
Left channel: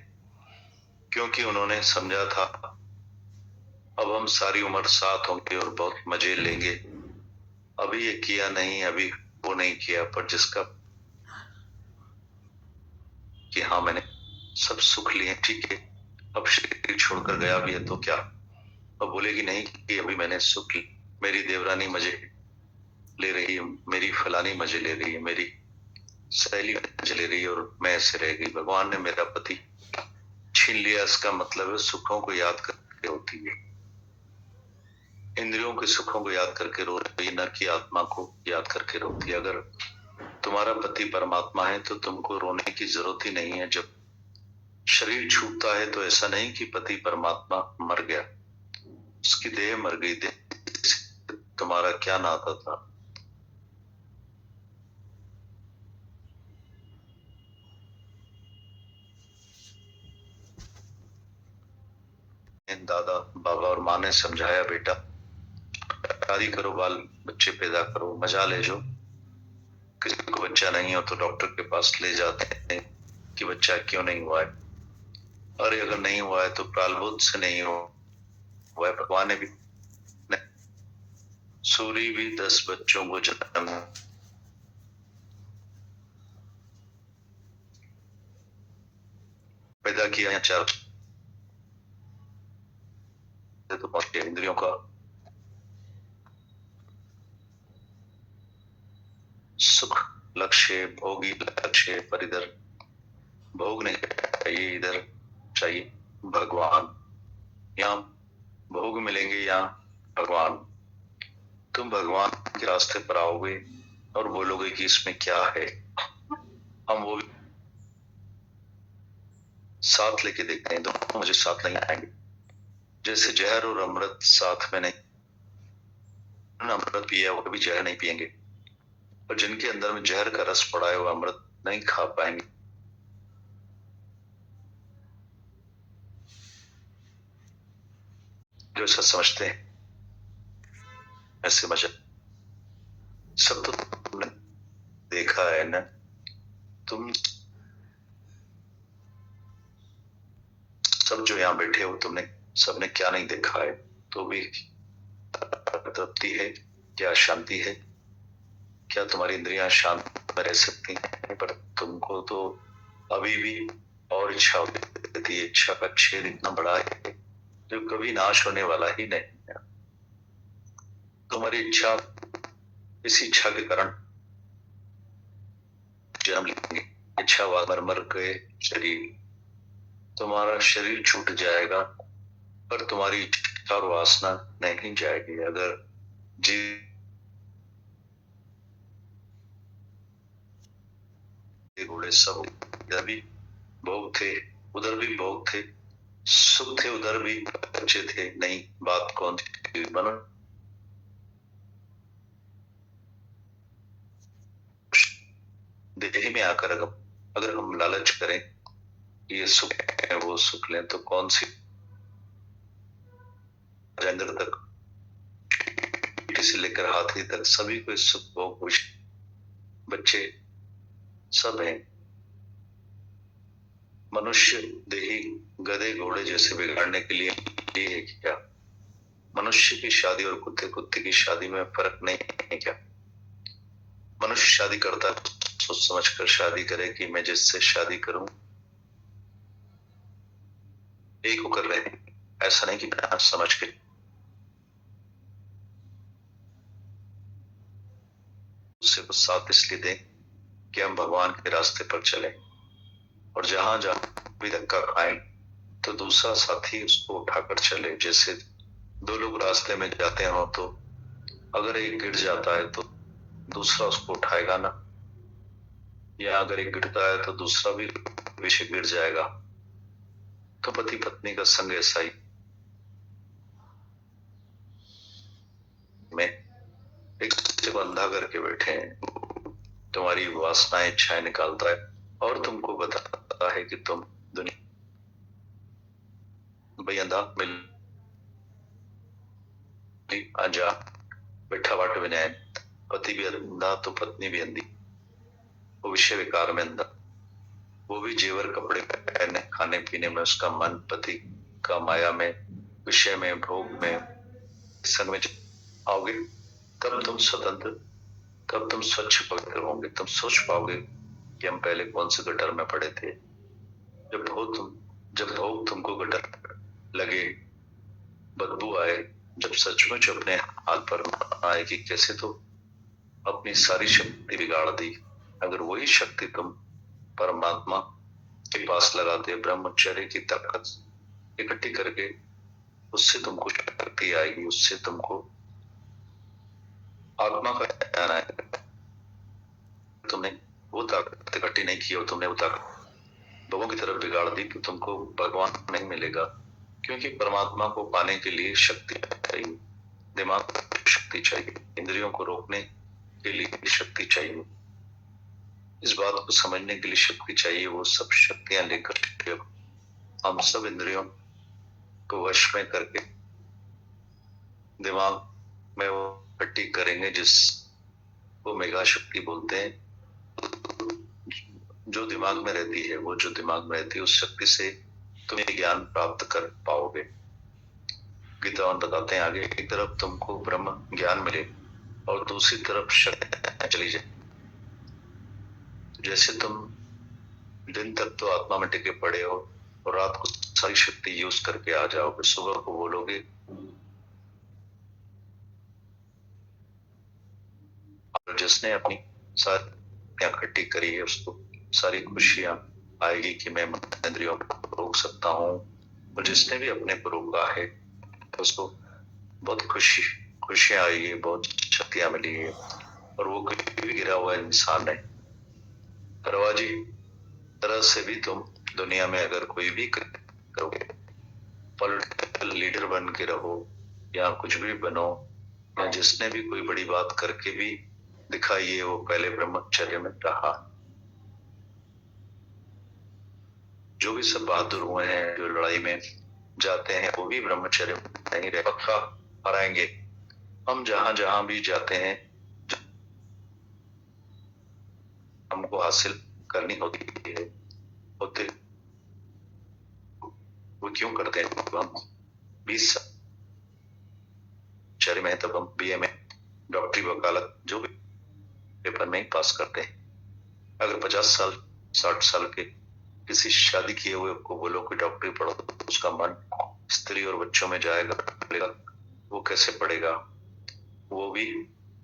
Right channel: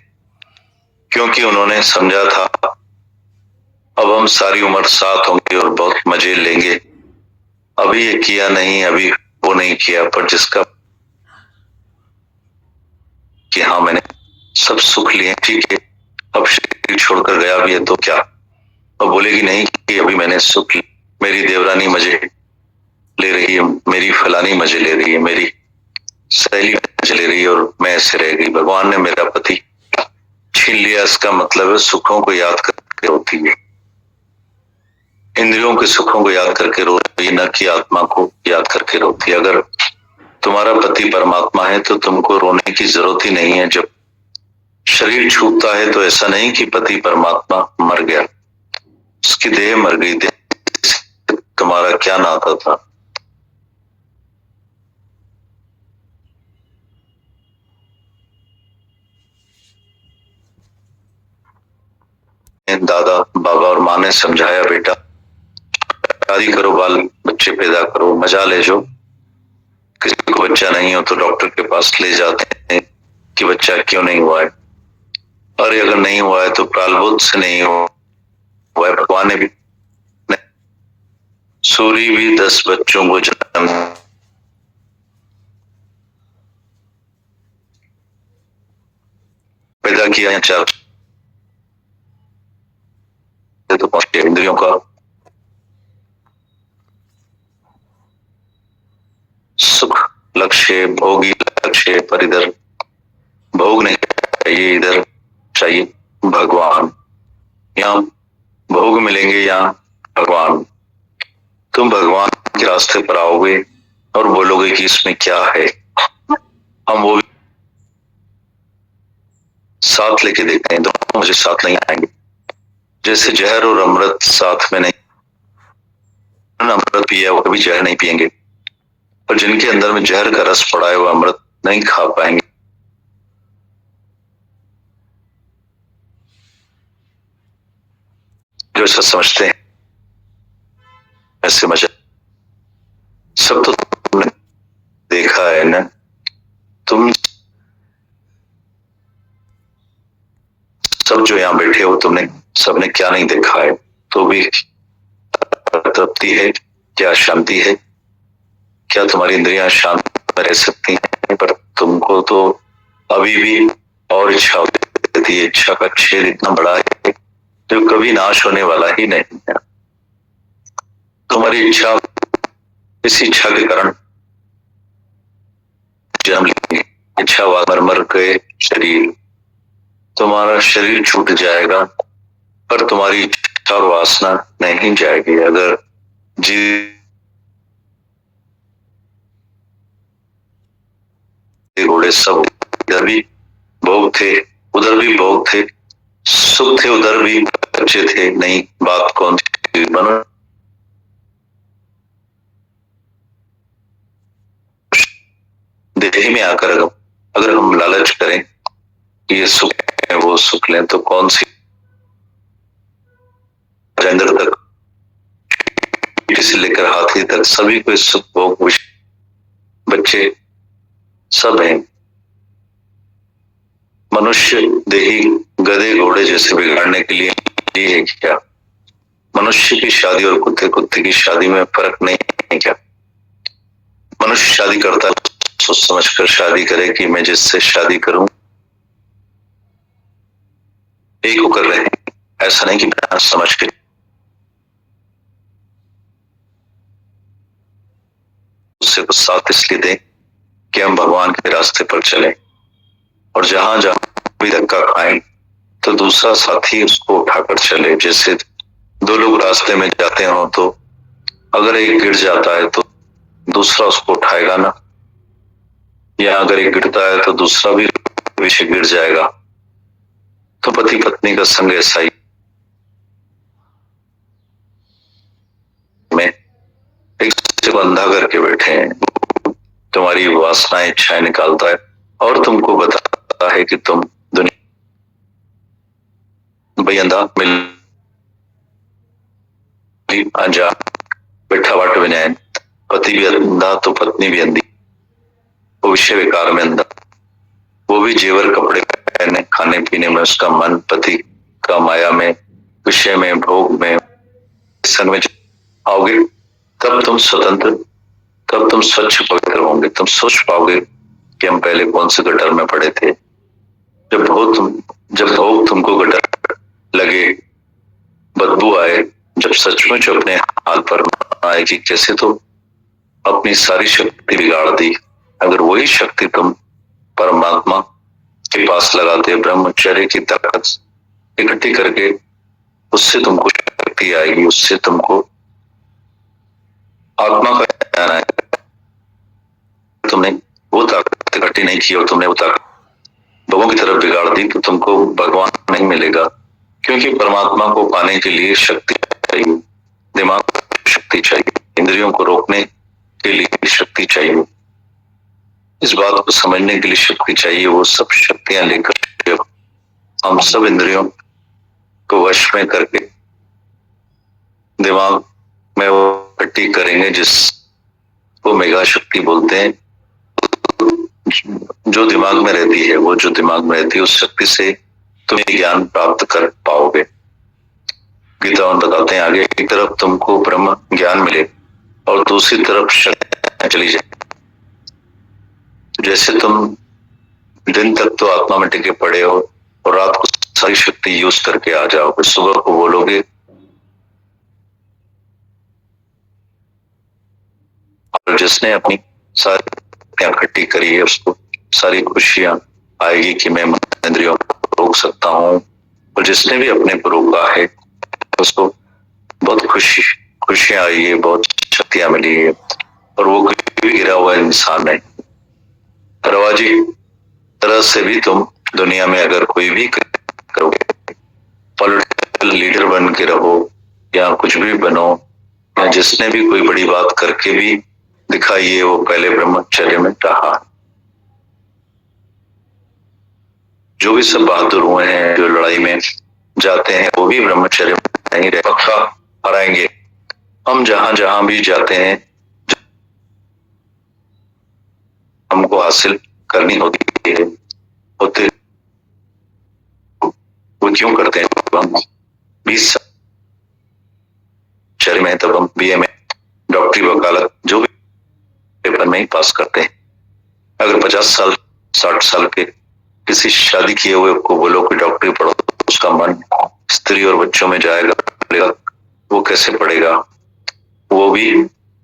क्योंकि उन्होंने समझा था अब हम सारी उम्र साथ होंगे और बहुत मजे लेंगे। अभी ये किया नहीं, अभी वो नहीं किया, पर जिसका कि हाँ मैंने सब सुख लिए, ठीक है, अब शरीर छोड़कर गया भी है तो क्या। अब बोलेगी नहीं कि अभी मैंने सुख, मेरी देवरानी मजे ले रही है, मेरी फलानी मजे ले रही है, मेरी सहेली मजे ले रही है और मैं ऐसे रह गई, भगवान ने मेरा पति छीन लिया। इसका मतलब है सुखों को याद करके रोती है, इंद्रियों के सुखों को याद करके रो रही, न कि आत्मा को याद करके रोती है। अगर तुम्हारा पति परमात्मा है तो तुमको रोने की जरूरत ही नहीं है। जब शरीर छूटता है तो ऐसा नहीं कि पति परमात्मा मर गया, उसकी देह मर गई, देह तुम्हारा क्या नाता था। दादा बाबा और माँ ने समझाया, बेटा शादी करो, बाल बच्चे पैदा करो, मजा ले जो। किसी को बच्चा नहीं हो तो डॉक्टर के पास ले जाते हैं कि बच्चा क्यों नहीं हुआ है, और अगर नहीं हुआ है तो प्रालबोध से नहीं हुआ है। भगवान ने भी, सूरी भी 10 बच्चों को जन्म पैदा किया, 4 तो पहुंचे। इंद्रियों का सुख लक्ष्य, भोगी लक्ष्य, पर इधर भोग नहीं चाहिए, इधर चाहिए भगवान। यहाँ भोग मिलेंगे, यहाँ भगवान। तुम भगवान के रास्ते पर आओगे और बोलोगे कि इसमें क्या है, हम वो भी साथ लेके देखते हैं। दोनों मुझे साथ नहीं आएंगे, जैसे जहर और अमृत साथ में नहीं। अमृत पिया वो कभी जहर नहीं पिएंगे, और जिनके अंदर में जहर का रस पड़ा है वो अमृत नहीं खा पाएंगे। जो ऐसा समझते हैं ऐसे मजा, सब तो तुमने देखा है ना। तुम सब जो यहाँ बैठे हो, तुमने सबने क्या नहीं देखा है, तो भी तृप्ति है क्या, शांति है क्या, तुम्हारी इंद्रियां शांत रह सकती हैं। पर तुमको तो अभी भी और इच्छा होती है, इच्छा का छेद इतना बड़ा है जो कभी नाश होने वाला ही नहीं है। तुम्हारी इच्छा, इस इच्छा के कारण जन्म लेंगे। इच्छा मर के शरीर, तुम्हारा शरीर छूट जाएगा पर तुम्हारी इच्छा और वासना नहीं जाएगी। अगर जी घोड़े सब, इधर भी भोग थे उधर भी भोग थे, सुख थे उधर भी बच्चे थे, नहीं बात कौन सी? मनुष्य देह में आकर अगर हम लालच करें कि ये सुख है वो सुख लें, तो कौन सी अंदर तक से लेकर हाथी तक सभी को सुख भोग बच्चे सब हैं। मनुष्य देही गधे घोड़े जैसे बिगाड़ने के लिए है क्या? मनुष्य की शादी और कुत्ते कुत्ते की शादी में फर्क नहीं है क्या? मनुष्य शादी करता है सोच समझ कर शादी करे कि मैं जिससे शादी करूं एक को कर रहे हैं, ऐसा नहीं कि बिना समझ के। उससे कुछ साथ इसलिए दें कि हम भगवान के रास्ते पर चले, और जहां जहां भी धक्का खाएं तो दूसरा साथी उसको उठाकर चले। जैसे दो लोग रास्ते में जाते हो तो अगर एक गिर जाता है तो दूसरा उसको उठाएगा ना, या अगर एक गिरता है तो दूसरा भी पीछे गिर जाएगा। तो पति पत्नी का संग ऐसा ही, में एक दूसरे को अंधा करके बैठे हैं। तुम्हारी वासनाएं इच्छाएं निकालता है और तुमको बताता है कि तुम दुनिया भाई अंधा मिल अनजान बैठा वाट बनाए, पति भी अंधा तो पत्नी भी अंधी, वो विषय विकार में अंधा, वो भी जेवर कपड़े पहने, खाने पीने में उसका मन पति का माया में, विषय में, भोग में, संग में आओगे तब तुम स्वतंत्र, तब तुम स्वच्छ पवित्र होंगे। तुम सोच पाओगे कि हम पहले कौन से गटर में पड़े थे। जब भोग तुमको गटर लगे, बदबू आए, जब सचमुच अपने हाल पर आए कि कैसे तो अपनी सारी शक्ति बिगाड़ दी, अगर वही शक्ति तुम परमात्मा के पास लगाते, ब्रह्मचर्य की ताकत इकट्ठी करके, उससे तुमको शक्ति आएगी, उससे तुमको आत्मा का ज्ञान आएगा। तुमने वो ताकत इकट्ठी नहीं की और तुमने वो ताकत लोगों की तरफ बिगाड़ दी तो तुमको भगवान नहीं मिलेगा, क्योंकि परमात्मा को पाने के लिए शक्ति चाहिए, दिमाग को शक्ति चाहिए, इंद्रियों को रोकने के लिए शक्ति चाहिए, इस बात को समझने के लिए शक्ति चाहिए। वो सब शक्तियां लेकर हम सब इंद्रियों को वश में करके दिमाग में वो इकट्ठी करेंगे, जिसको मेगा शक्ति बोलते हैं। जो दिमाग में रहती है, वो जो दिमाग में रहती है उस शक्ति से तुम ज्ञान प्राप्त कर पाओगे। गीता में बताते हैं आगे, एक तरफ तुमको ब्रह्म ज्ञान मिले और दूसरी तरफ शक्ति चली जाए। जैसे तुम दिन तक तो आत्मा में टिके पड़े हो और रात को सारी शक्ति यूज करके आ जाओगे, सुबह को बोलोगे और जिसने अपनी सारी इकट्ठी करी है उसको सारी खुशियां आएगी कि मैं इंद्रियों को रोक सकता हूँ, और जिसने भी अपने को रोका है उसको बहुत खुशियां आई है, बहुत शक्तियां मिली है, और वो भी गिरा हुआ इंसान नहीं। रवाजी तरह से भी तुम दुनिया में अगर कोई भी करोगे, पॉलिटिकल लीडर बन के रहो या कुछ भी बनो, या जिसने भी कोई बड़ी बात करके भी दिखाइए, वो पहले ब्रह्मचर्य में रहा। जो भी सब बहादुर हुए हैं, जो लड़ाई में जाते हैं, वो भी ब्रह्मचर्य में नहीं रहे, पक्का हराएंगे। हम जहां जहां भी जाते हैं हमको हासिल करनी होती है, होते वो क्यों करते हैं? हम 20 चर्य में, तब हम बीए में डॉक्टरी वकालत जो भी पेपर में ही पास करते हैं। अगर 50 साल 60 साल के किसी शादी किए हुए को बोलो कि डॉक्टरी पढ़ो, उसका मन स्त्री और बच्चों में जाएगा, वो कैसे पढ़ेगा? वो भी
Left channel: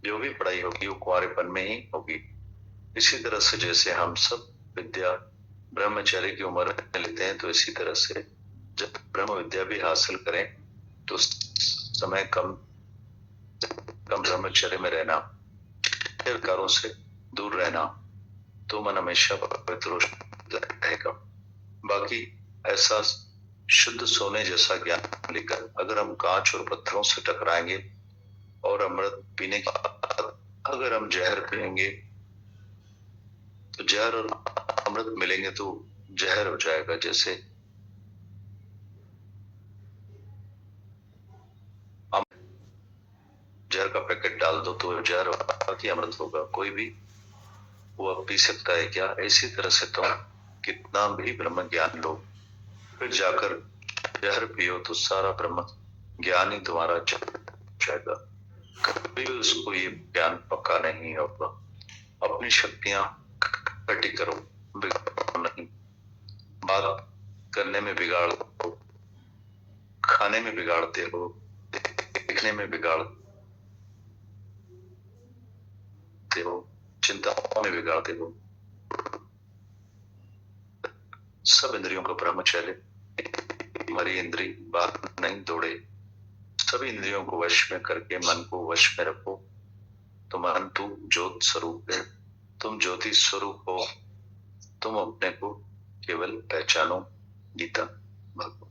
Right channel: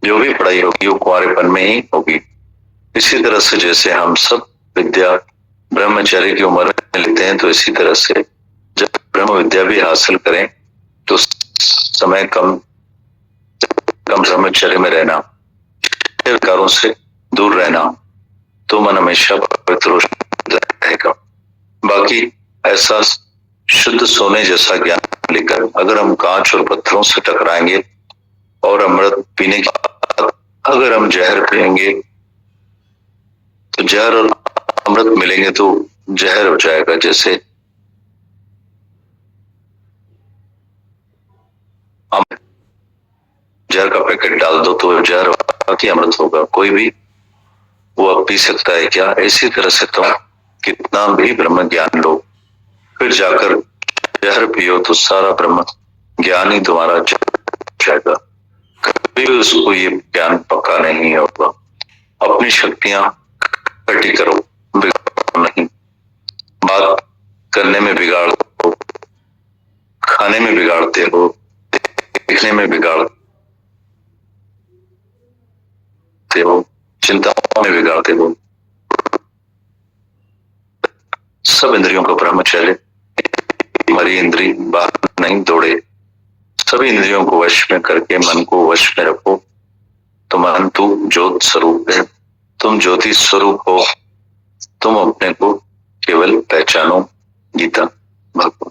जो भी पढ़ाई होगी वो कुंवारेपन में ही होगी। इसी तरह से जैसे हम सब विद्या ब्रह्मचर्य की उम्र में लेते हैं, तो इसी तरह से जब ब्रह्म विद्या भी हासिल करें तो समय कम ब्रह्मचर्य में रहना, विकारों से दूर रहना, तो मन हमेशा पवित्र रहेगा। बाकी ऐसा शुद्ध सोने जैसा ज्ञान लेकर अगर हम कांच और पत्थरों से टकराएंगे और अमृत पीने के बाद अगर हम जहर पिएंगे तो जहर और अमृत मिलेंगे तो जहर हो जाएगा। जैसे जहर का पैकेट डाल दो तो जहर बाकी अमृत होगा, कोई भी वो अब पी सकता है क्या? इसी तरह से तुम कितना भी ब्रह्म ज्ञान लो, फिर जाकर जहर पियो तो सारा ब्रह्म ज्ञान ही तुम्हारा जाएगा, कभी भी उसको ये ज्ञान पक्का नहीं होगा। अपनी शक्तियां इकट्ठी करो, बिगाड़ो नहीं। बात करने में बिगाड़ो, खाने में बिगाड़ते हो, देखने में बिगाड़ते हो, चिंताओं में बिगाड़ते हो। सब इंद्रियों का ब्रह्मचर्य, हमारी इंद्री बाहर नहीं दौड़े, सभी इंद्रियों को वश में करके मन को वश में रखो। तो मन तू ज्योत स्वरूप है, तुम ज्योति स्वरूप हो, तुम अपने को केवल पहचानो। गीता भगवान।